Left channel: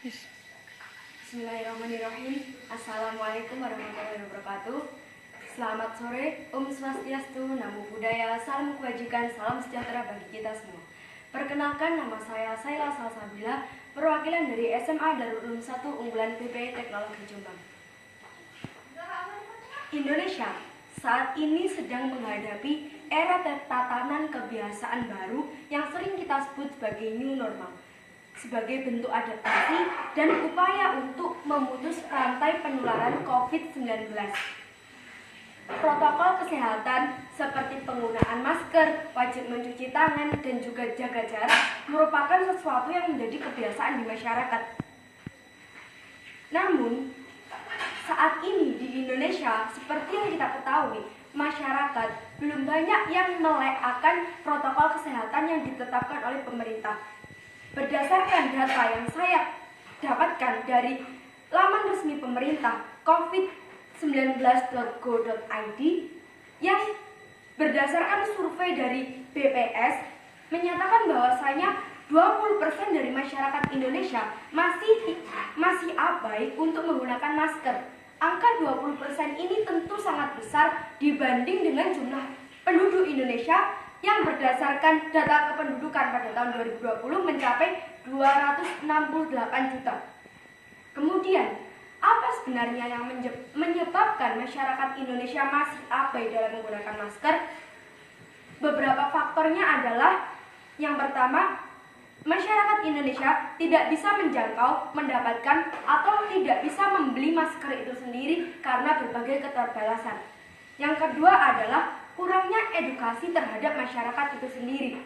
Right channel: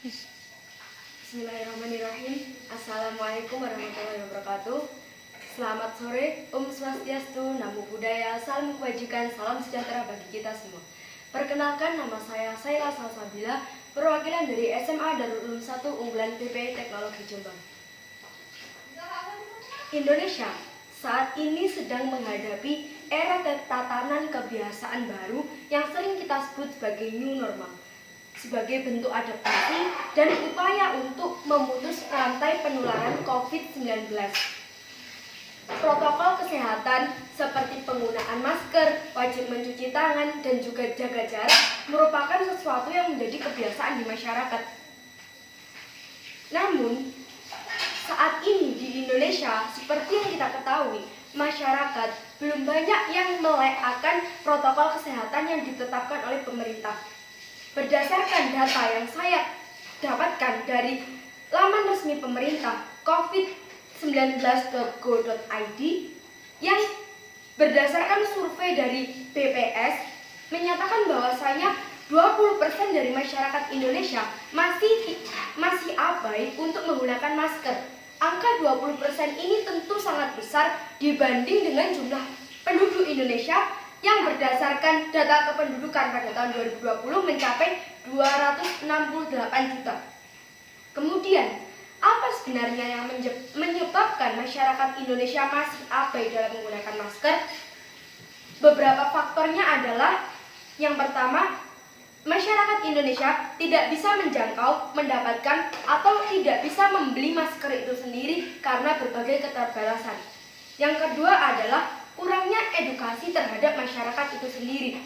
Bismillahirrahmanirrahim. Assalamualaikum warahmatullahi wabarakatuh. Selamat sore, Om Swastiastu, Namo Buddhaya, salam kebajikan, salam sejahtera bagi kita semua. Perkenalkan, nama saya Saila Salsabila, perwakilan dari SMA Darul Ulum 1 Unggulan PP Teknologi Jombang. Indonesia saat ini sedang menghadapi era tatanan kebiasaan baru yang sering kita sebut sebagai new normal. Sebagai bentuk adaptasi dan upaya untuk memutus rantai penularan COVID-19. Protokol kesehatan seperti penggunaan masker, wajib mencuci tangan, dan juga jaga jarak merupakan sesuatu yang menjadi kebiasaan di masyarakat. Namun, saat ini di Indonesia, seperti yang kita ketahui, masyarakat belum banyak yang melekatkan protokol kesehatan yang ditetapkan oleh pemerintah. Berdasarkan data yang saya dapatkan dari laman resmi pemerintah covid19.go.id yang berdasarkan survei dari BPS menyatakan bahwasanya 20% dari masyarakat Indonesia masih abai untuk menggunakan masker. Angka 20% ini tentu sangat besar dibanding dengan jumlah penduduk Indonesia yang berdasarkan data kependudukan pada tahun 2020 mencapai 268 juta. Kemudian, apa sebenarnya yang menyebabkan masyarakat Indonesia masih abai dalam menggunakan masker? Beberapa faktornya adalah, yang pertama, masyarakat Indonesia tidak bisa menjangkau, mendapatkan, atau tidak bisa membeli masker itu sendiri karena berbagai keterbatasan. Yang kedua adalah kurangnya edukasi terhadap masyarakat itu sendiri.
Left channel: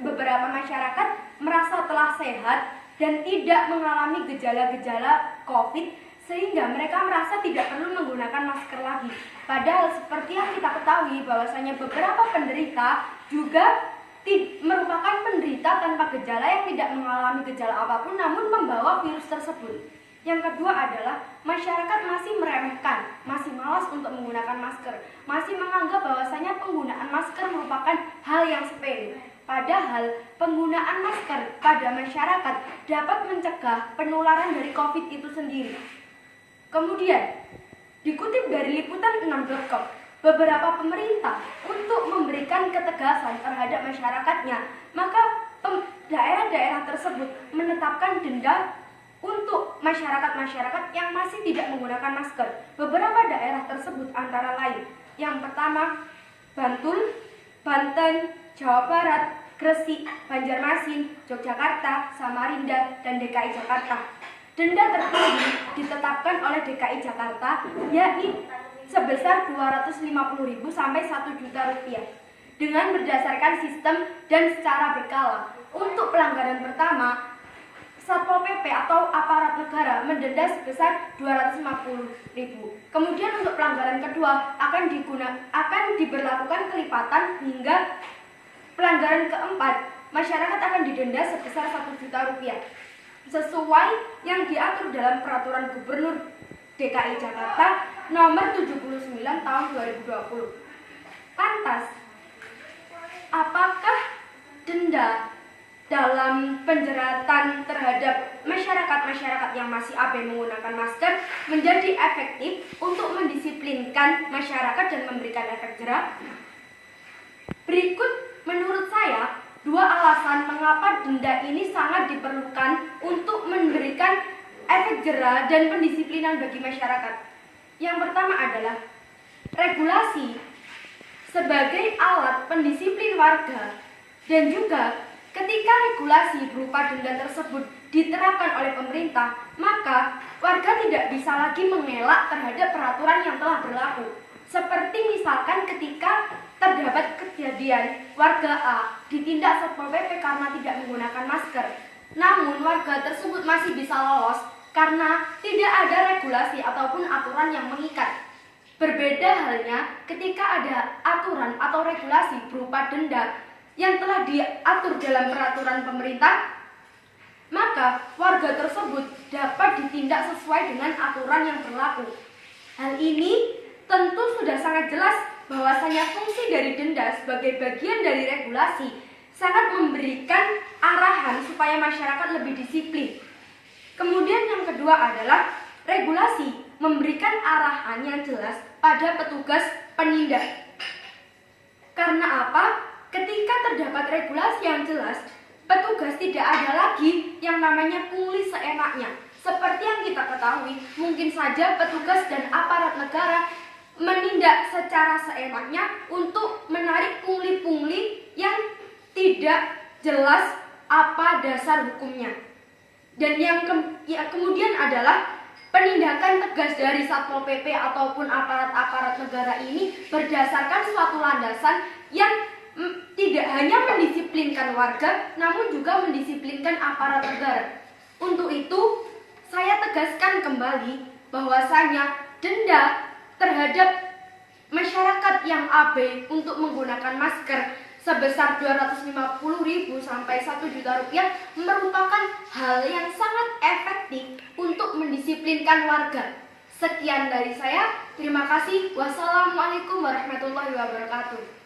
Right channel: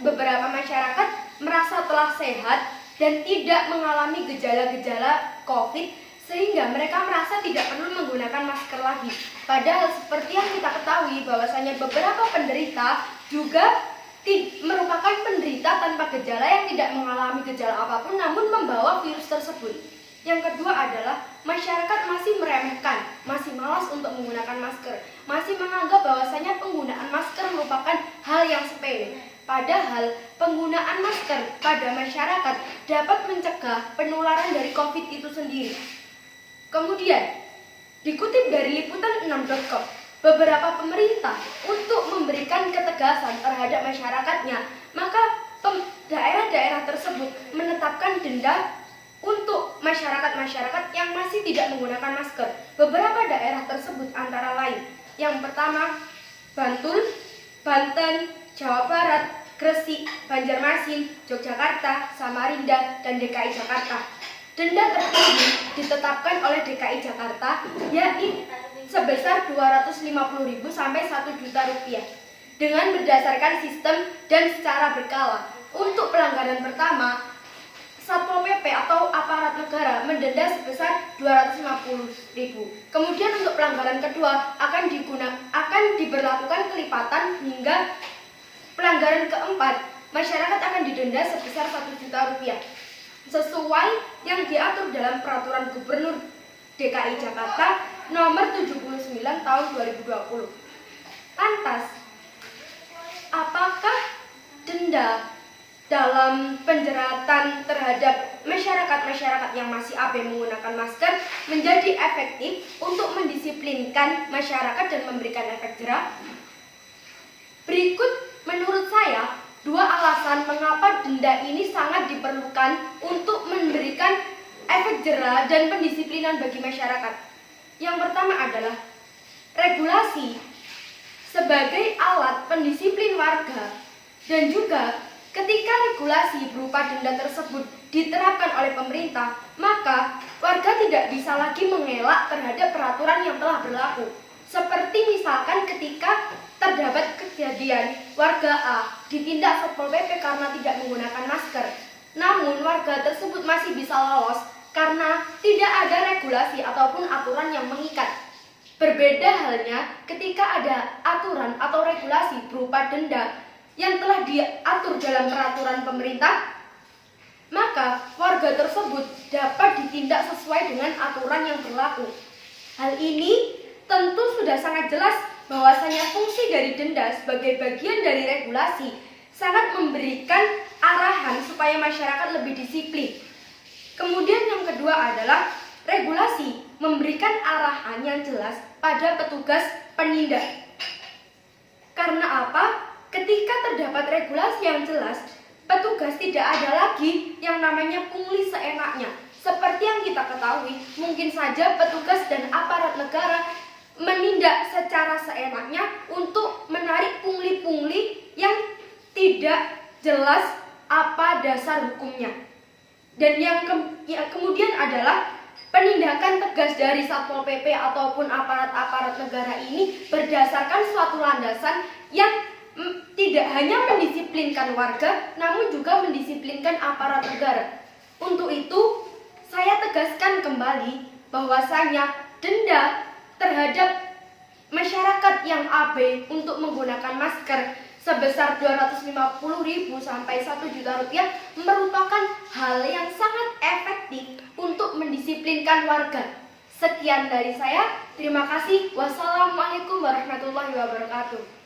Beberapa masyarakat merasa telah sehat dan tidak mengalami gejala-gejala COVID sehingga mereka merasa tidak perlu menggunakan masker lagi. Padahal seperti yang kita ketahui bahwasanya beberapa penderita juga merupakan penderita tanpa gejala yang tidak mengalami gejala apapun namun membawa virus tersebut. Yang kedua adalah masyarakat masih meremehkan, masih malas untuk menggunakan masker, masih menganggap bahwasanya penggunaan masker merupakan hal yang sepele. Padahal penggunaan masker pada masyarakat dapat mencegah penularan dari COVID itu sendiri. Kemudian, dikutip dari liputan6.com, beberapa pemerintah untuk memberikan ketegasan terhadap masyarakatnya, maka daerah-daerah tersebut menetapkan denda untuk masyarakat-masyarakat yang masih tidak menggunakan masker. Beberapa daerah tersebut antara lain, yang pertama, Bantul, Banten, Jawa Barat, Gresik, Banjarmasin, Yogyakarta, Samarinda, dan DKI Jakarta. Denda tertinggi ditetapkan oleh DKI Jakarta, yakni sebesar 250.000 sampai 1 juta rupiah dengan berdasarkan sistem dan secara berkala. Untuk pelanggaran pertama, Satpol PP atau aparat negara mendenda sebesar 250.000. Kemudian untuk pelanggaran kedua akan diberlakukan kelipatan hingga pelanggaran keempat, masyarakat akan didenda sebesar 1 juta rupiah. Sesuai yang diatur dalam Peraturan Gubernur DKI Jakarta nomor 79 tahun 2020. Lantas, apakah denda dalam penjeratan terhadap masyarakat-masyarakat yang masih abai menggunakan masker menjadi efektif untuk mendisiplinkan masyarakat dan memberikan efek jera? Berikut menurut saya 2 alasan mengapa denda ini sangat diperlukan untuk memberikan efek jera dan pendisiplinan bagi masyarakat. Yang pertama adalah regulasi sebagai alat pendisiplin warga, dan juga ketika regulasi berupa denda tersebut diterapkan oleh pemerintah, maka warga tidak bisa lagi mengelak terhadap peraturan yang telah berlaku. Seperti misalkan ketika terdapat kejadian warga A ditindak Satpol PP karena tidak menggunakan masker, namun warga tersebut masih bisa lolos karena tidak ada regulasi ataupun aturan yang mengikat. Berbeda halnya ketika ada aturan atau regulasi berupa denda yang telah diatur dalam peraturan pemerintah, maka warga tersebut dapat ditindak sesuai dengan aturan yang berlaku. Hal ini tentu sudah sangat jelas bahwasanya fungsi dari denda sebagai bagian dari regulasi sangat memberikan arahan supaya masyarakat lebih disiplin. kedua adalah regulasi memberikan arahan yang jelas pada petugas penindak. Karena apa? Ketika terdapat regulasi yang jelas, petugas tidak ada lagi yang namanya pungli seenaknya. Seperti yang kita ketahui, mungkin saja petugas dan aparat negara menindak secara seenaknya untuk menarik pungli-pungli yang tidak jelas apa dasar hukumnya. Dan yang kemudian adalah penindakan tegas dari Satpol PP ataupun aparat-aparat negara ini berdasarkan suatu landasan yang tidak hanya mendisiplinkan warga, namun juga mendisiplinkan aparat negara. Untuk itu, saya tegaskan kembali bahwasanya denda terhadap masyarakat yang abai untuk menggunakan masker sebesar 250.000 sampai 1 juta rupiah merupakan hal yang sangat efektif untuk mendisiplinkan warga. Sekian dari saya. Terima kasih. Wassalamualaikum warahmatullahi wabarakatuh.